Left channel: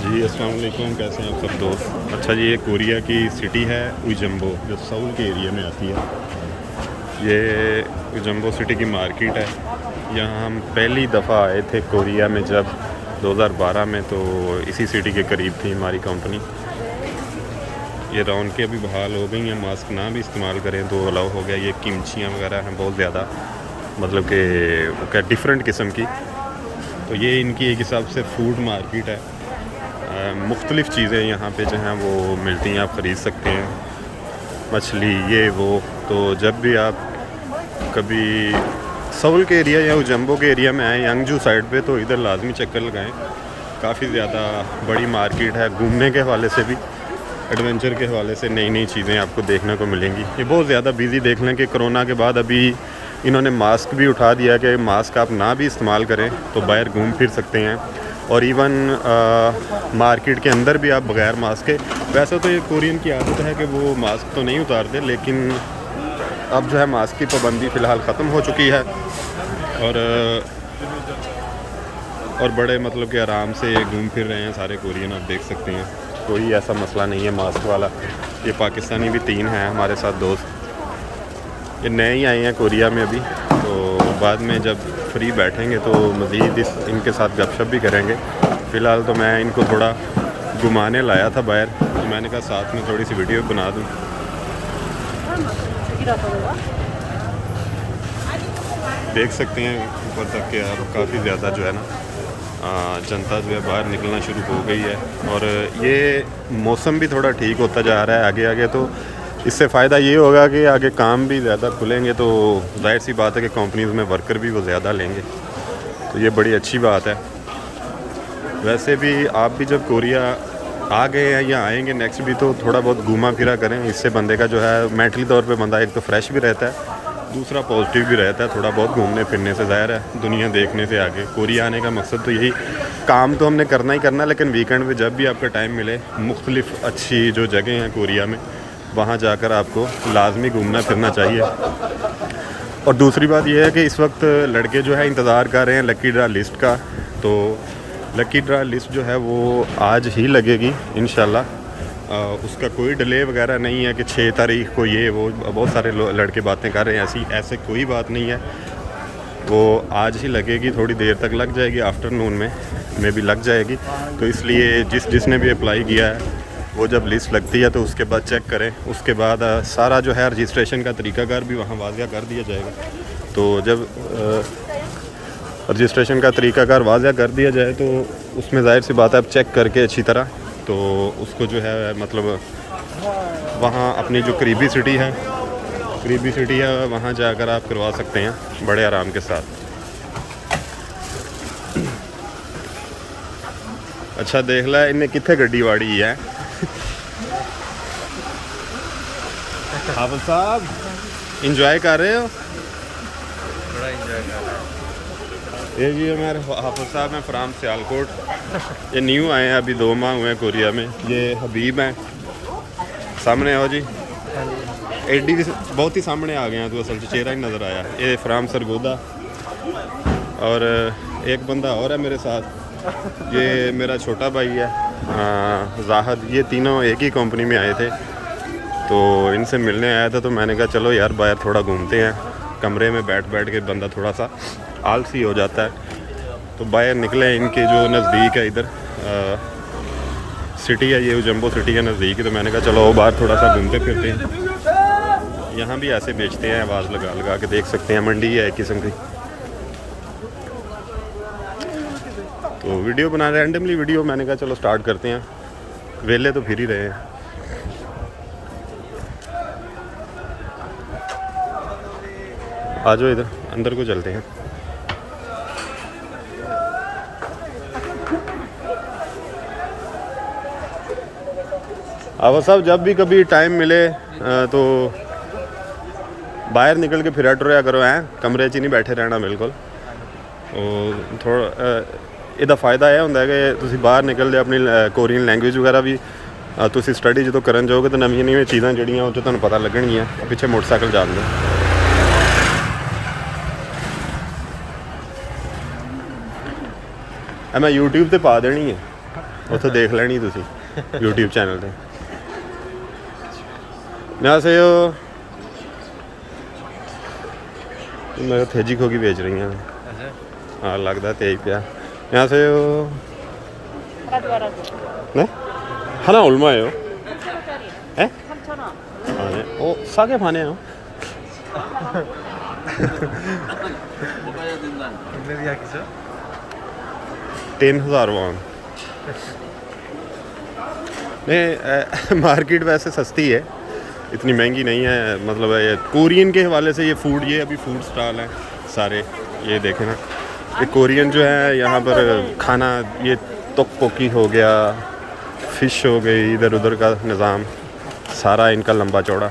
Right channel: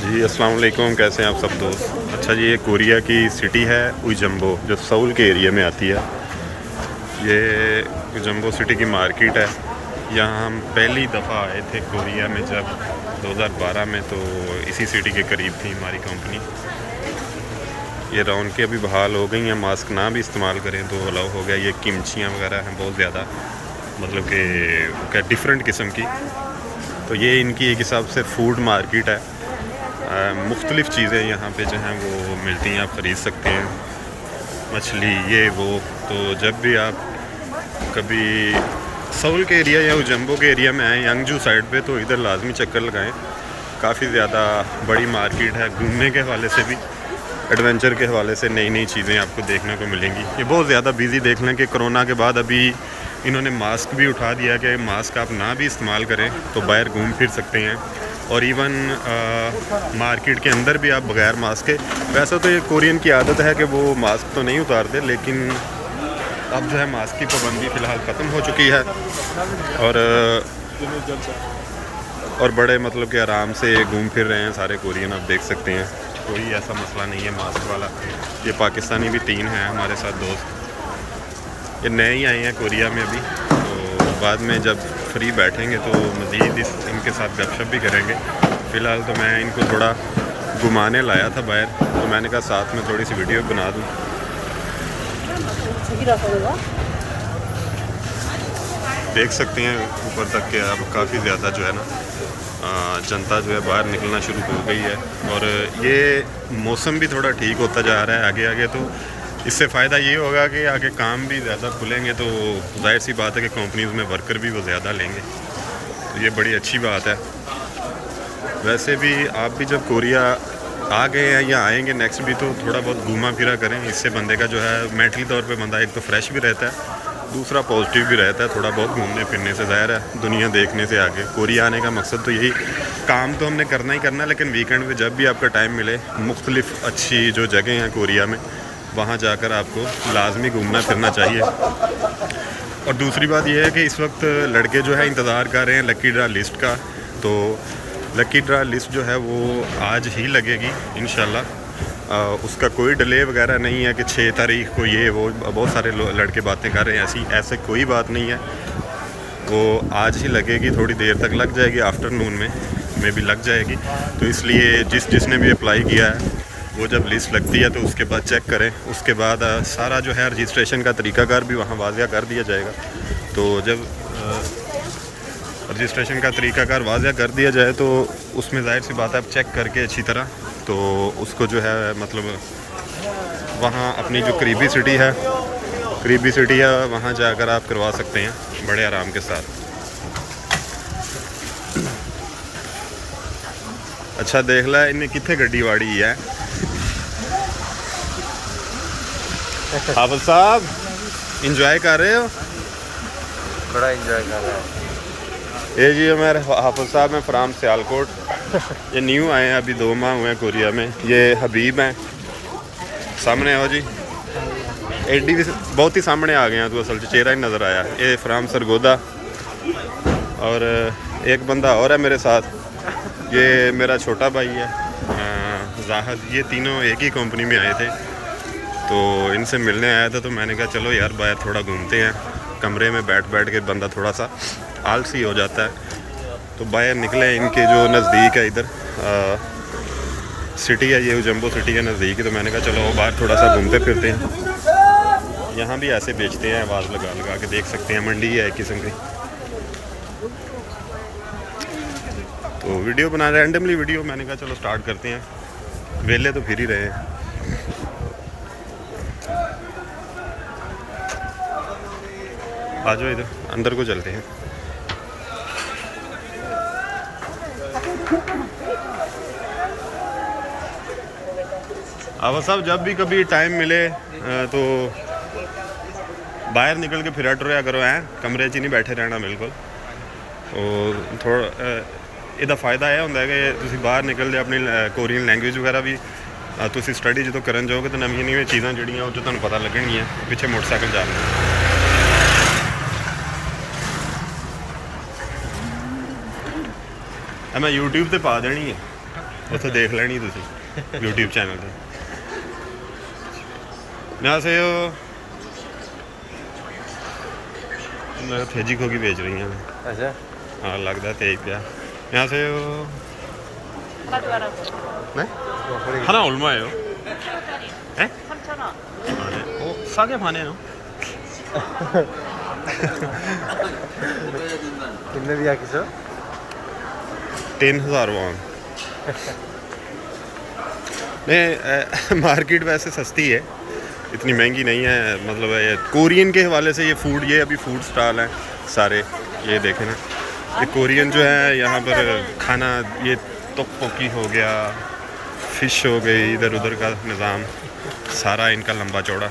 जी अस्सलाम वालेकुम, कैसे हैं आप सब दोस्त। अच्छा जी, ये कोरिया की सिटी है उइजम्बो, जो सऊल के एरिया में आती है। ये उइजम्बो सिटी की मार्केट है। यहाँ हम पहली दफ़ा आए थे कोरिया में जब 2012 में, तो इसी सिटी के करीब थी हमारी कंपनी। ये रौनकें अभी बहाल हो गई हैं, मास्क ना भी इस्तेमाल करें तो अलाउ हो गया। ये किमचियाँ वगैरह हैं बहुत ज़्यादा, मतलब कि क्या डिफरेंट किस्म की। तो ये इनकी एक हिसाब से फूड मार्केट है। मुख्तलिफ़ चीज़ें यहाँ पे जो हैं वो मिलती हैं, आप ख़रीद सकते हैं, मछली ये वो। तो जब भी आप कभी सऊल के एरिया या उजम्बो के एरिया में आएँ, यंगजू साइड पे, तो इधर लाजमी चक्कर लगाएं। काफ़ी ज़्यादा बड़ी मार्केट है, घूमने के हवाले से भी, एडवेंचर के हवाले से नई नई चीज़ें आपको देखने को मिलेंगी। ये बहुत ज़्यादा बिज़ी, देख लें कि कोरोना के बाद अभी इन्होंने मास्क भी उठा दिया कि मास्क आप ना भी इस्तेमाल करें तो बाहर घूम फिर सकते हैं। और इवन मार्केट के अंदर भी आप बग़ैर मास्क के, वैसे तो ये कोरियन की आदत है कि वो मास्क तो नहीं उतारते, लेकिन अब जो है मास्क की पाबंदी फ़िलहाल ख़त्म हो चुकी है। और बड़े मतलब कि आराम से घूम फिर रहे हैं सारे कोरियन, आप देख सकते हैं। कोई ऐसा मसला नहीं है मास्क वाला। ये पाकिस्तानी भी 3 हैं हमारे साथ दोस्त, ये नए ही आए हैं कोरिया में अभी। तो बाद में जब फ्री बैठेंगे तो मज़ीद इनके साथ गपशप भी करेंगे। फ़िलहाल तो मैं इनको थोड़ा घुमाने लाया था बाहर, तो मैंने कहा साथ में थोड़ी सी वीडियो बना दूँ। देख सकते हैं ऊपर तक के आप, काफ़ी ज़्यादा जो है ना जनता जो है बाहर निकलना शुरू हो गई है। और ये मौसम भी थोड़ा ठीक होता जा रहा है आगे आगे, तो इससे फ़ायदा ये होगा कि आगे काम भी ज़्यादा खुलेंगे, तो जाहिर सी बात है कि कंपनीज़ में वर्कर भी वो ज़्यादा लेंगे, तो ये बड़ी अच्छी बात है। वैसे भी आप भी जब कोरिया आ गए हैं या आएंगे नेक्स्ट भी, तो थोड़ा बहुत घूमा फिरा करें। इससे बंदे का जो है मेंटली तौर पे बंदा एक तो फ्रेश भी रहता है, दूसरा पॉजिटिव भी रहता है। थोड़ा बहुत घूमने फिरने से, ज़ाहिर है दुनिया देखने से आगे कोरिया आने का मकसद तो यही, काम तो हमने करना ही करना, लेकिन वीकेंड में जब भी आपका टाइम मिले, मुख्तलिफ़ अच्छी जो जगह हैं कोरिया में, वहाँ जाकर आपको लाजमी घूमना फिरना चाहिए। और दूसरी बात यह है कि इस वक्त लड़के जो है इंतज़ार कर रहे हैं लकी ड्रा लिस्ट का। तो लकी ड्रा लिस्ट जो है वो आज ही लगेगी इंशाल्लाह। उसका कोई डिले वगैरह नहीं है कि 6 तारीख को ये वो, बहुत सारे लड़के बातें कर रहे हैं, ऐसे कोई बात नहीं है। वो आज ही लगेगी, थोड़ी देर तक लग जाएगी, आफ्टरनून में भी लग जाएगी। तो इसलिए जिसने भी अप्लाई किया है, वो जब लिस्ट लगती है तो उसके बाद चेक करें। उसके बाद सारा जो है रजिस्ट्रेशन का तरीकाकार भी वहाँ वाज़िया कर दिया जाएगा। तो जब रजिस्ट्रेशन का तरीकाकार वाज़िया कर दिया जाए तो उसमें ज़ाहिर सी बात है, आप चेक करके अच्छी तरह, तो उसको जो है मतलब वहाँ अपनी जो करीबी सिटी है वहाँ जाकर आप करवा सकते हैं बड़े आराम के साथ। अच्छा देख ला इन्हें कितने गड्डी वाड़ी है। हाफिज साहब इंजॉय कर रहे हो? बड़ा इंजॉय कर रहा हूँ। ये जी हमारे हाफिज साहब हैं फ्राम सियालकोट। ये न्यू आए हैं, अभी 2 माह हुए हैं कोरिया में। ये हबीब हैं, सामने आओ जी। एडी भी बहुत ही सामने आ गए हैं, तो असल चेहरा ही नज़र आया। ये फ्राम सरगोदा। और एक बंदा और है मेरे साथ, ये मेरा छोटा भाई है जाहद। ये तीनों एक ही कंपनी में आए थे, तो इनसे मिलने आया था। तो मैंने कहा चलो यार बाहर थोड़ा घूमते हैं, कमरे में बैठ के बंदा थोड़ा सा आलसी हो जाता है। तो बाहर निकले, इनके जो नज़दीक है इधर सिटी है, ये उजम्बो सिटी के नज़दीक ही। तो मैंने कहा चलो बाहर थोड़ा सा घूमते फिरते हैं। यहाँ भी ऐसे बेचते हैं, आवाज़ लगा के, देख सकते हैं मंडी है एक किस्म की। तो वीडियो बना रैंडमली वीडियो, मैंने कहा चलो स्टार्ट करते हैं, वेले तो फिर ही रहे हैं। आ जाओ इधर अंदर को चलते हैं। आवा साहब जब भी कभी टाइम मिले तो बाहर निकल के फिरा टुरया करो, हैं कमरे च नहीं बैठे रहना बिल्कुल। और थोड़ा ਇਹਦਾ फ़ायदा यह ਹੁੰਦਾ कि ਤੁਸੀਂ बाहर निकलते अपनी कोरियन लैंग्वेज वगैरह भी ਤੁਸੀਂ स्टडी जो करन जाओगे तो नवी चीज़ां ਜਿਹੜੀਆਂ ਉਹ 'ਚ ਤੁਹਾਨੂੰ पता लगणगीਆਂ। पिछे मोटरसाइकिल जाने मैं यूट्यूब पर पा देनी है। ਉੱਥੇ ਦੇਖ ਲੈਣੀ ਤੁਸੀਂ YouTube ਚੈਨਲ ਤੇ 안녕하세요 मैं थेजी खोगी बेच रही हैं अच्छा हाँ लगता तेज पिया 안녕하세요 네? 하나 얼마예요? 에? 3,000원 아, 네. 싸게 파네요 तुमने दिया किसको 3000 वॉन नहीं मार्केट वैसे सस्ती है इतनी महंगी नहीं है मतलब ये कोरियन के हवाले से ये फूड ये अभी फूड स्टॉल हैं सारे ये देखें ना ये कोरियन जो है यहाँ पर खाना ये तोक्पोकी हो गया फ़िश हो गई इधर उधर का निज़ाम सारा इनका लंबा चौड़ा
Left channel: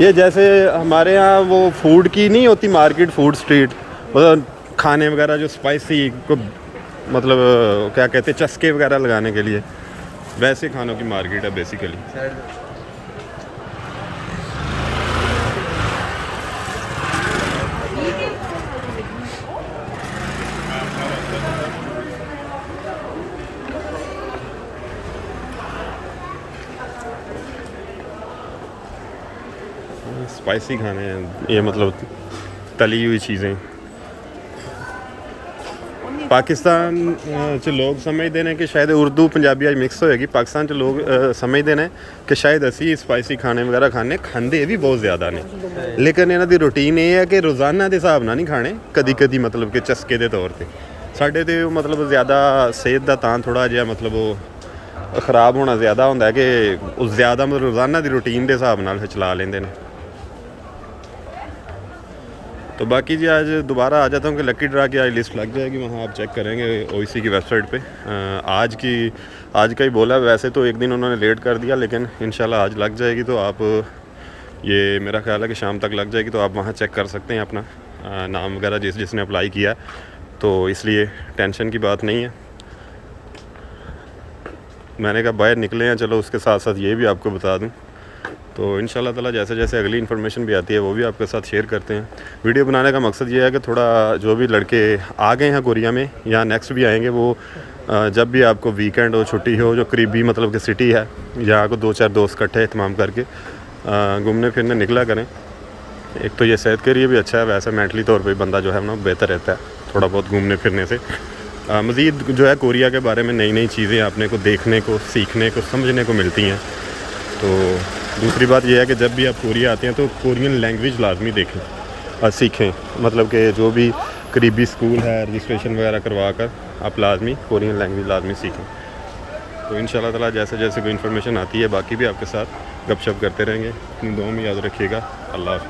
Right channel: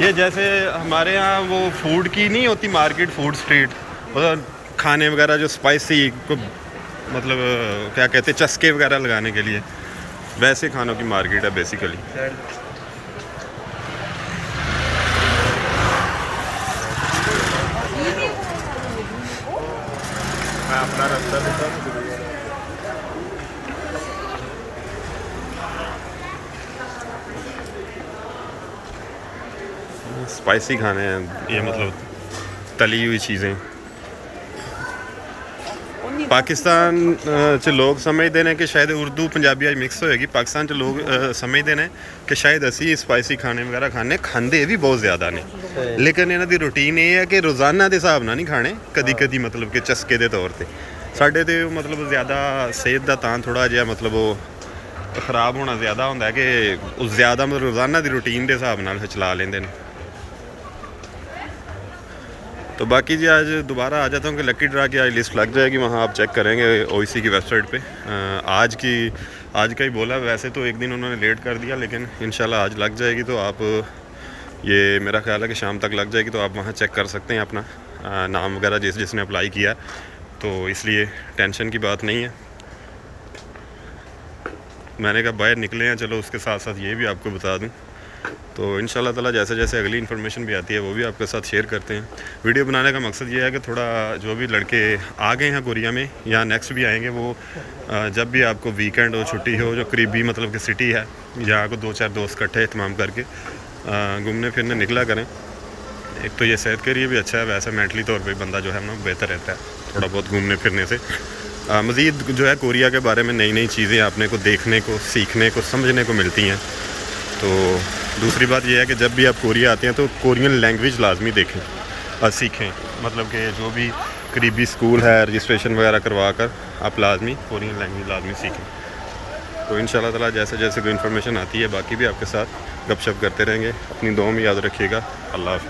ये जैसे हमारे यहाँ वो फूड की नहीं होती मार्केट फूड स्ट्रीट मतलब खाने वगैरह जो स्पाइसी को मतलब क्या कहते हैं चस्के वगैरह लगाने के लिए वैसे खानों की मार्केट है बेसिकली स्पाइसी खाने हैं ये मतलब तली हुई चीज़ें पाकिस्तान च लोग समझते हैं कि शायद उर्दू पंजाबी अज मिक्स होएगी पाकिस्तान च लोग समझते हैं कि शायद असी स्पाइसी खाने वगैरह खाते भी बहुत ज़्यादा ने लेकिन इन्हां दी रूटीन ये है कि रोज़ाना के हिसाब नाल नहीं खाने कदी कदी मतलब कि चस्के के तौर पर साढ़े तो मतलब ज़्यादा सेहत का तां थोड़ा जिहा मतलब वो ख़राब होना ज़्यादा होंदा है कि ज़्यादा मतलब रोज़ाना की रूटीन के हिसाब नाल चला लेंदे ने तो बाकी जी आज दोबारा आ जाता हूँ कि लकी ड्रा की आज लिस्ट लग जाएगी वहाँ आप चेक करेंगे ओईसी की वेबसाइट पे आज का ही बोला वैसे तो एक दिन उन्होंने लेट कर दिया लेकिन इंशाल्लाह आज लग जाएगी तो आप ये मेरा ख्याल है कि शाम तक लग जाएगी तो आप वहाँ चेक कर सकते हैं अपना नाम वगैरह जिसने अप्लाई किया तो इसलिए टेंशन की बात नहीं है मैंने कहा बाहर निकले हैं चलो उसके साथ साथ ये भी आपको बता दूँ तो इंशाल्लाह ताला जैसे जैसे अगली इन्फॉर्मेशन भी आती है वो भी आपके साथ शेयर करते हैं वीडियो बनाने का मकसद ये है कि थोड़ा जो भी लड़के आ गए हैं कोरिया में या नेक्स्ट भी आएंगे वो जब भी आपको वीकेंड हो छुट्टी हो जो करीबी मतलब कि सिटी है जहाँ को 2-4 दोस्त इकट्ठे इत्माम करके घूमने फिरने निकला करें एक तो ये सेहत के लिए भी अच्छा है वैसे मेंटली तौर पर बंदा जो है ना बेहतर रहता है थोड़ा बहुत घूमने फिरने से मज़ीद जो है कोरिया के बारे में नई नई चीज़ें आपने को देखने को सीखने को समझने को मिलती हैं तो दूसरी बात यह है कि जब भी आप कोरिया आते हैं तो कोरियन लैंग्वेज लाजमी देखें और सीखें मतलब कि जो भी करीबी स्कूल है रजिस्ट्रेशन वगैरह करवा कर आप लाजमी कोरियन लैंग्वेज लाजमी सीखें तो इंशाल्लाह ताला जैसे जैसे कोई इन्फॉर्मेशन आती है बाकी भी आपके साथ गपशप करते रहेंगे अपनी दुआ में याद रखिएगा अल्लाह हाफ़िज़।